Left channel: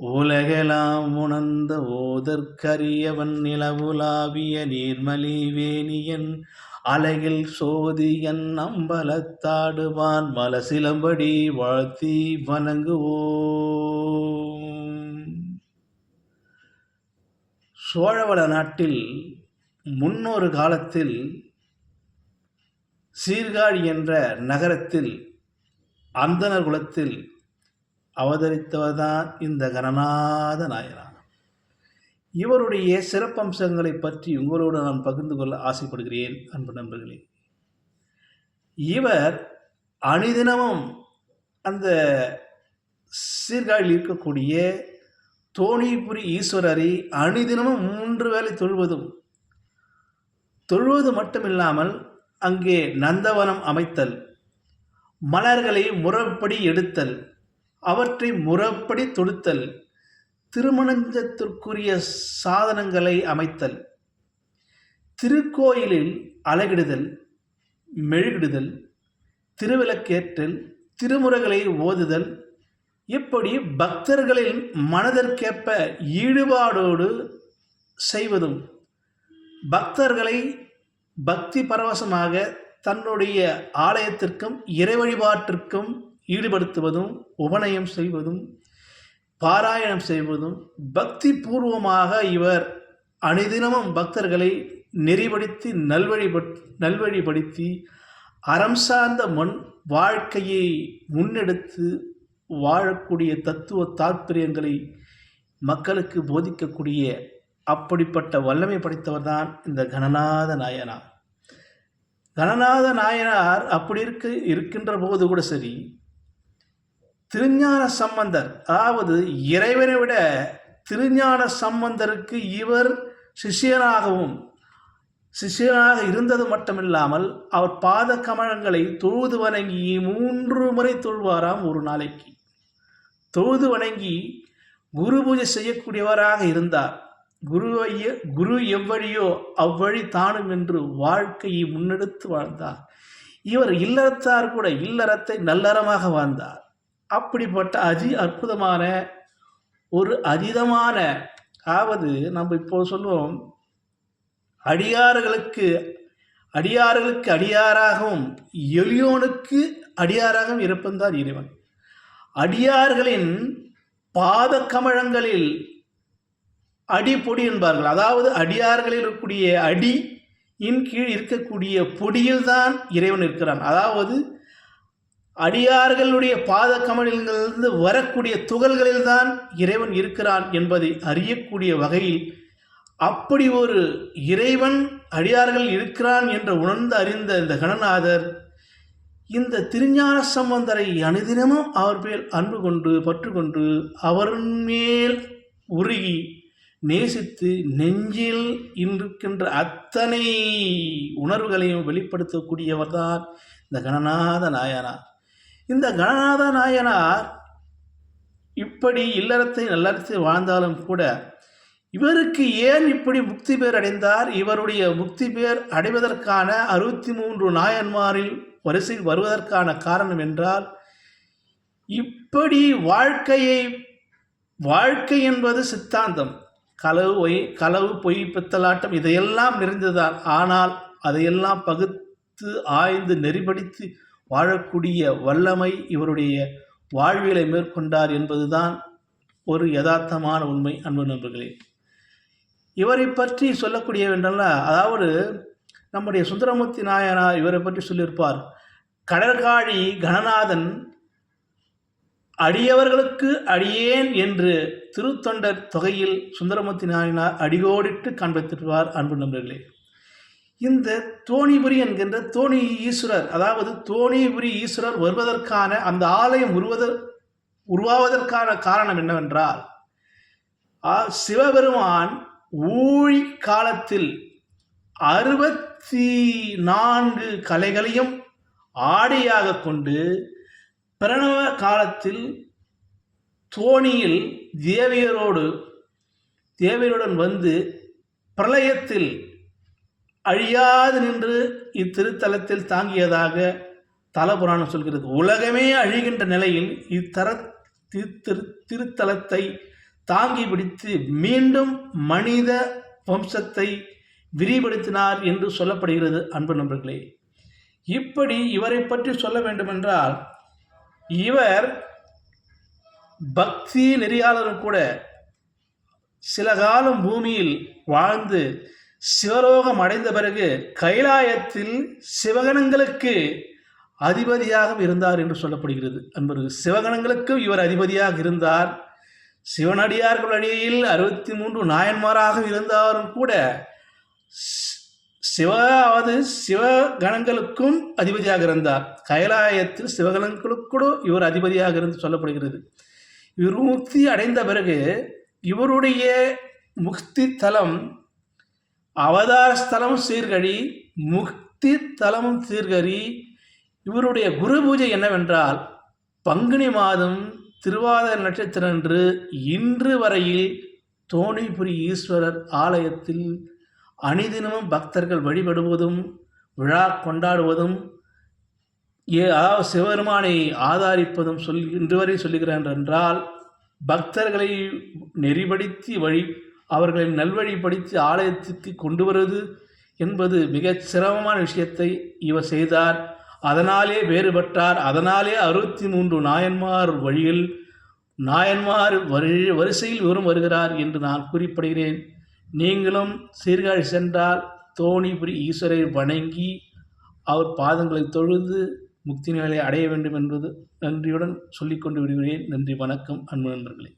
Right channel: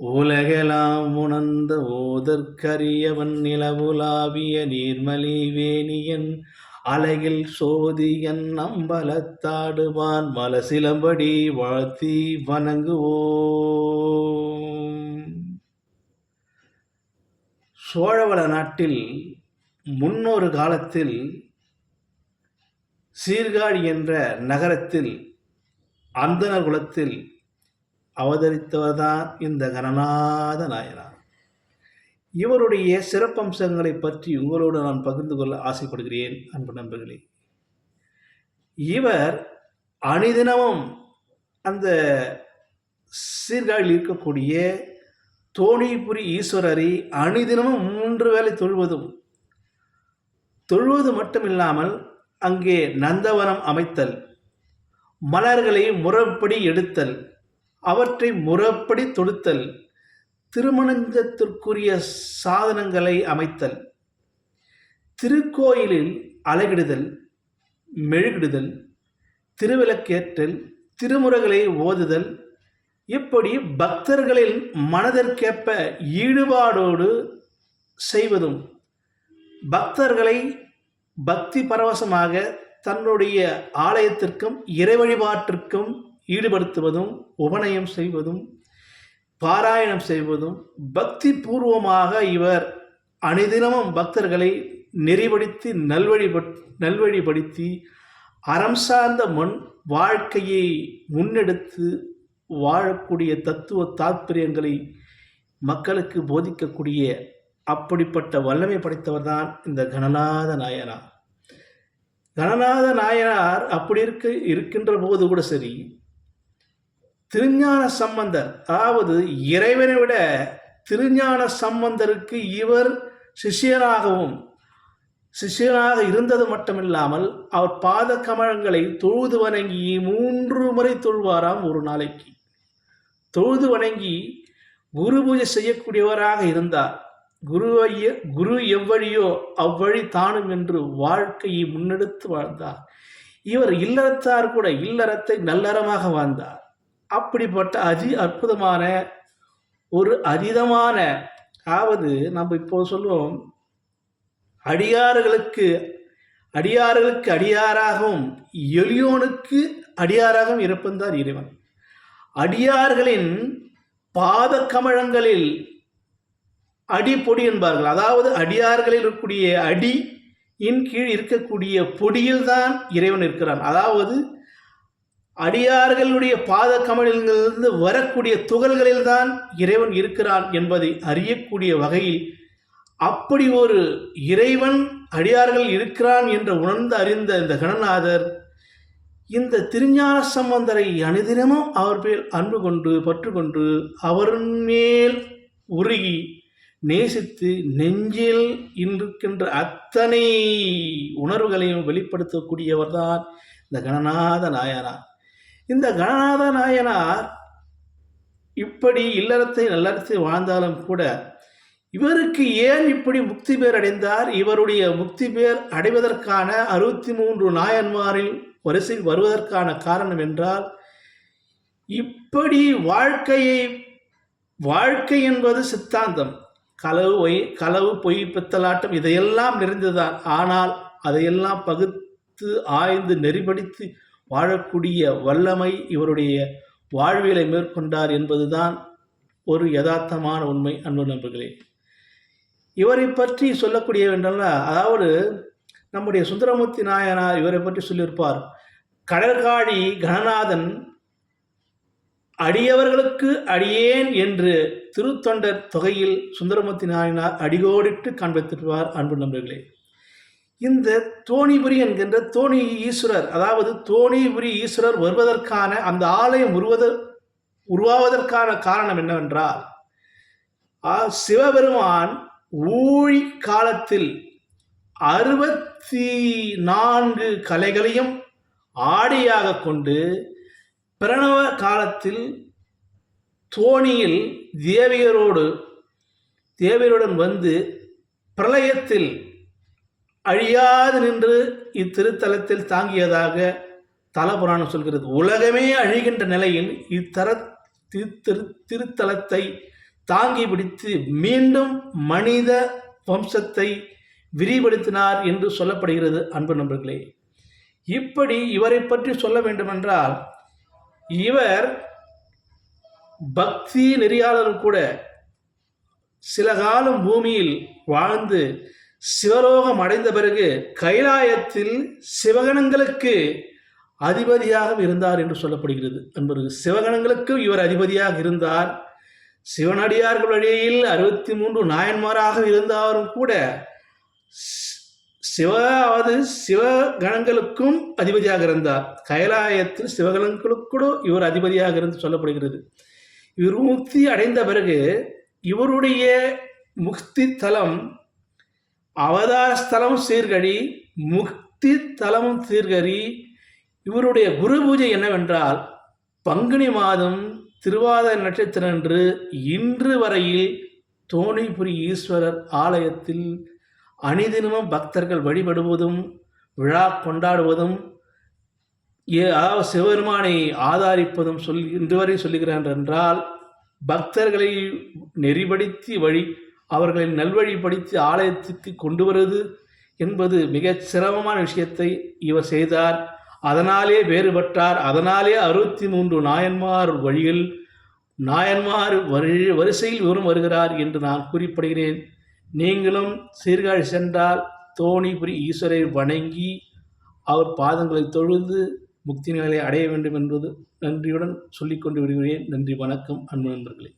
உலகெலாம் உணர்ந்த ஓதற்கரியவன் நிலவுலாவிய நீர்மலி வேணியன் அலகில் சோதியன் அம்பலத்தாடுவான் மலசிலம்படி வாழ்த்தி வணங்குவோம். சோழவள நாட்டில் முன்னொரு காலத்தில் சீர்காழி என்ற நகரத்தில் அந்தணர் குலத்தில் அவதரித்தவர்தான் இந்த கணநாத நாயனார். இவருடைய சிறப்பம்சங்களை பற்றி உங்களோடு நான் பகிர்ந்து கொள்ள ஆசைப்படுகிறேன் அன்பு நண்பர்களே. இவர் அணிதினமும் அந்த சீர்காழியில் இருக்கக்கூடிய தோணிபுரி ஈஸ்வரரை அணிதினமும் 3 வேளை தொழுவது மட்டுமில்லாமல் அங்கே நந்தவனம் அமைத்தல், மலர்களை முறைப்படி எடுத்தல், அவற்றை முறைப்படி தொடுத்தல், திருமணத்திற்குரிய சாதனங்களை அமைத்தல், திருக்கோயிலில் அழகிடுதல், மெழுகிடுதல், திருவிளக்கேற்றல், திருமுறைகளை ஓதுதல், இப்படி பக்தர்களின் மனதிற்கேற்ப ஈடுபாடோடு செய்வதும், பக்தர்களை பக்தி பரவசமாக தன்னுடைய ஆலயத்திற்கும் இறை வழிபாட்டிற்கும் ஈடுபடுத்துவதும், உபநயம் செய்வதும், பாராயணம் செய்வதும், பக்தி பூர்வமாக இவர் அணிதினமும் பக்தர்களை நெறிப்படுத்தி நல்வழிப்படுத்தி அறம் சார்ந்த வாழ்க்கையை முன்னெடுத்து வாழக்கூடிய தத்துவ தாற்பயங்களை மக்களுக்கு போதிக்கக்கூடிய அப்படிப்பட்ட வல்லமை படைத்தவர் தான் இந்த கணநாத நாயனார். கணநாத நாயனார் அப்படி இருக்கின்ற போது கூட சரி, திருஞான சம்பந்தர், அதாவது இறைவனை விட திருஞான சம்பந்தருக்கு இவர் சிஷியனாக இருந்தது மட்டுமில்லாமல் அவர் பாத கமலங்களை தொழுது வணங்கி 3 முறை தொழுவாராம் ஒரு நாளைக்கு. தொழுது வணங்கி குரு பூஜை செய்யக்கூடியவராக இருந்தார். குரு எவ்வழியோ அவ்வழி தானும் என்று வாழ்க்கையை முன்னெடுத்து வாழ்ந்தார். இவர் இல்லறத்தார் கூட இல்லறத்தை நல்லறமாக வாழ்ந்தார். அப்படிப்பட்ட அற்புதமான ஒரு அதீதமான, அதாவது நம்ம இப்போ சொல்லுவோம், அடியார்களுக்கு அடியாராகவும் எளியோனுக்கு அடியாராகவும் இருப்பந்தான் இறைவன். அடியார்களின் பாத கமலங்களில் அடிப்பொடி என்பார்கள். அதாவது அடியார்களில் இருக்கக்கூடிய அடியின் கீழ் இருக்கக்கூடிய பொடியில்தான் இறைவன் இருக்கிறான். அதாவது அடியார்களுடைய பாத கமலிலிருந்து வரக்கூடிய துகள்களில்தான் இறைவன் இருக்கிறான் என்பதை அறியக்கூடிய வகையில் அப்படி ஒரு இறைவன் அடியார்கள் இருக்கிறான் என்று அறிந்த இந்த கணநாதர் இந்த திருஞான சம்பந்தரை அனுதினமும் அவர் பேர் அன்பு கொண்டு பற்று கொண்டு அவர் மேல் உருகி நேசித்து நெஞ்சில் இருக்கின்ற அத்தனை உணர்வுகளையும் வெளிப்படுத்தக்கூடியவர் தான் இந்த கணநாத நாயனார். இந்த கணநாத நாயனார் இப்படி இல்லறத்தை நல்லறத்தை வாழ்ந்தாலும் கூட இவருக்கு ஏன் இப்படி முக்தி பேர் அடைந்தார்? இவருடைய முக்தி பேர் அடைவதற்கான 63 நாயன்மாரில் வரிசையில் வருவதற்கான காரணம் என்றால், இப்படி வாழ்க்கை என்பது சித்தாந்தம், களவு பொய் பித்தலாட்டம் இதையெல்லாம் நிறைந்ததுதான். ஆனால் அதையெல்லாம் பகுத்து ஆய்ந்து நெறிப்படுத்தி வாழக்கூடிய வல்லமை இவருடைய வாழ்வியலை மேற்கொண்டார் என்பதுதான் ஒரு யதார்த்தமான உண்மை. அன்பு நண்பர்களே, இவரை பற்றி சொல்லக்கூடிய என்றால், அதாவது நம்முடைய சுந்தரமூர்த்தி நாயனார் இவரை பற்றி சொல்லியிருப்பார். கடற்காழி கணநாதன் அடியவர்களுக்கு அடியேன் என்று திருத்தொண்டர் தொகையில் சுந்தரமூர்த்தி நாயனார் அடிகோடிட்டு காண்பித்திருப்பார். அன்பு நண்பர்களே, இந்த தோணிபுரி என்கின்ற தோணி ஈஸ்வரர், அதாவது தோணிபுரி ஈஸ்வரர் வருவதற்கான அந்த ஆலயம் உருவாவதற்கான காரணம் என்னவென்றால், சிவபெருமான் ஊழி காலத்தில் 64 கலைகளையும் ஆடையாக கொண்டு பிரணவ காலத்தில் தோணியில் தேவியருடன் வந்து பிரளயத்தில் அழியாது நின்று இத்திருத்தலத்தில் தாங்கியதாக தலபுராணம் சொல்கிறது. உலகமே அழிகின்ற நிலையில் திருத்தலத்தை தாங்கி பிடித்து மீண்டும் மனித வம்சத்தை விரிவுபடுத்தினார் என்று சொல்லப்படுகிறது. அன்பு நண்பர்களே, இப்படி இவரை பற்றி சொல்ல வேண்டுமென்றால், இவர் பக்தி நெறியாளரும் கூட சில காலம் பூமியில் வாழ்ந்து சிவலோகம் அடைந்த பிறகு கைலாயத்தில் சிவகணங்களுக்கு அதிபதியாக இருந்தார் என்று சொல்லப்படுகிறது. அன்பர்கள், சிவகணங்களுக்கு இவர் அதிபதியாக இருந்தார். சிவனடியார்கள் வழியில் 63 நாயன்மாராக இருந்தாலும் கூட சிவகணங்களுக்கும் அதிபதியாக இருந்தார். கைலாயத்தில் சிவகணங்களுக்கூட இவர் அதிபதியாக இருந்து சொல்லப்படுகிறது. இவர் முக்தி அடைந்த பிறகு இவருடைய முக்தி தலம் அவதார ஸ்தலமும் சீர்கழி, முக்தி தலமும் சீர்கழி. இவருடைய குரு பூஜை என்னவென்றால், பங்குனி மாதம் திருவாதிரை நட்சத்திரன்று இன்று வரையில் தோணிபுரி ஈஸ்வரர் ஆலயத்தில் அணிதினமும் பக்தர்கள் வழிபடுவதும் விழா கொண்டாடுவதும் சிவபெருமானை ஆதாரிப்பதும் இன்று வரை சொல்லுகிறார் என்றால், பக்தர்களை நெறிப்படுத்தி அவர்களை நல்வழிப்படுத்தி ஆலயத்துக்கு கொண்டு வருவது என்பது மிகச் சிரமமான விஷயத்தை இவர் செய்தார். அதனாலே வேறுபட்டார். அதனாலே 63 நாயன்மார் வழியில் நாயன்மார் வரிசையில் இவரும் வருகிறார் என்று நான் குறிப்பிடுகிறேன். நீங்களும் சீர்காழி சென்றால் தோணிபுரி ஈஸ்வரை வணங்கி அவர் பாதங்களை தொழுது முக்தி நிலையை அடைய வேண்டும் என்பது நன்றியுடன் சொல்லிக்கொண்டு விடுகிறேன். நன்றி, வணக்கம் அன்பு நண்பர்களே.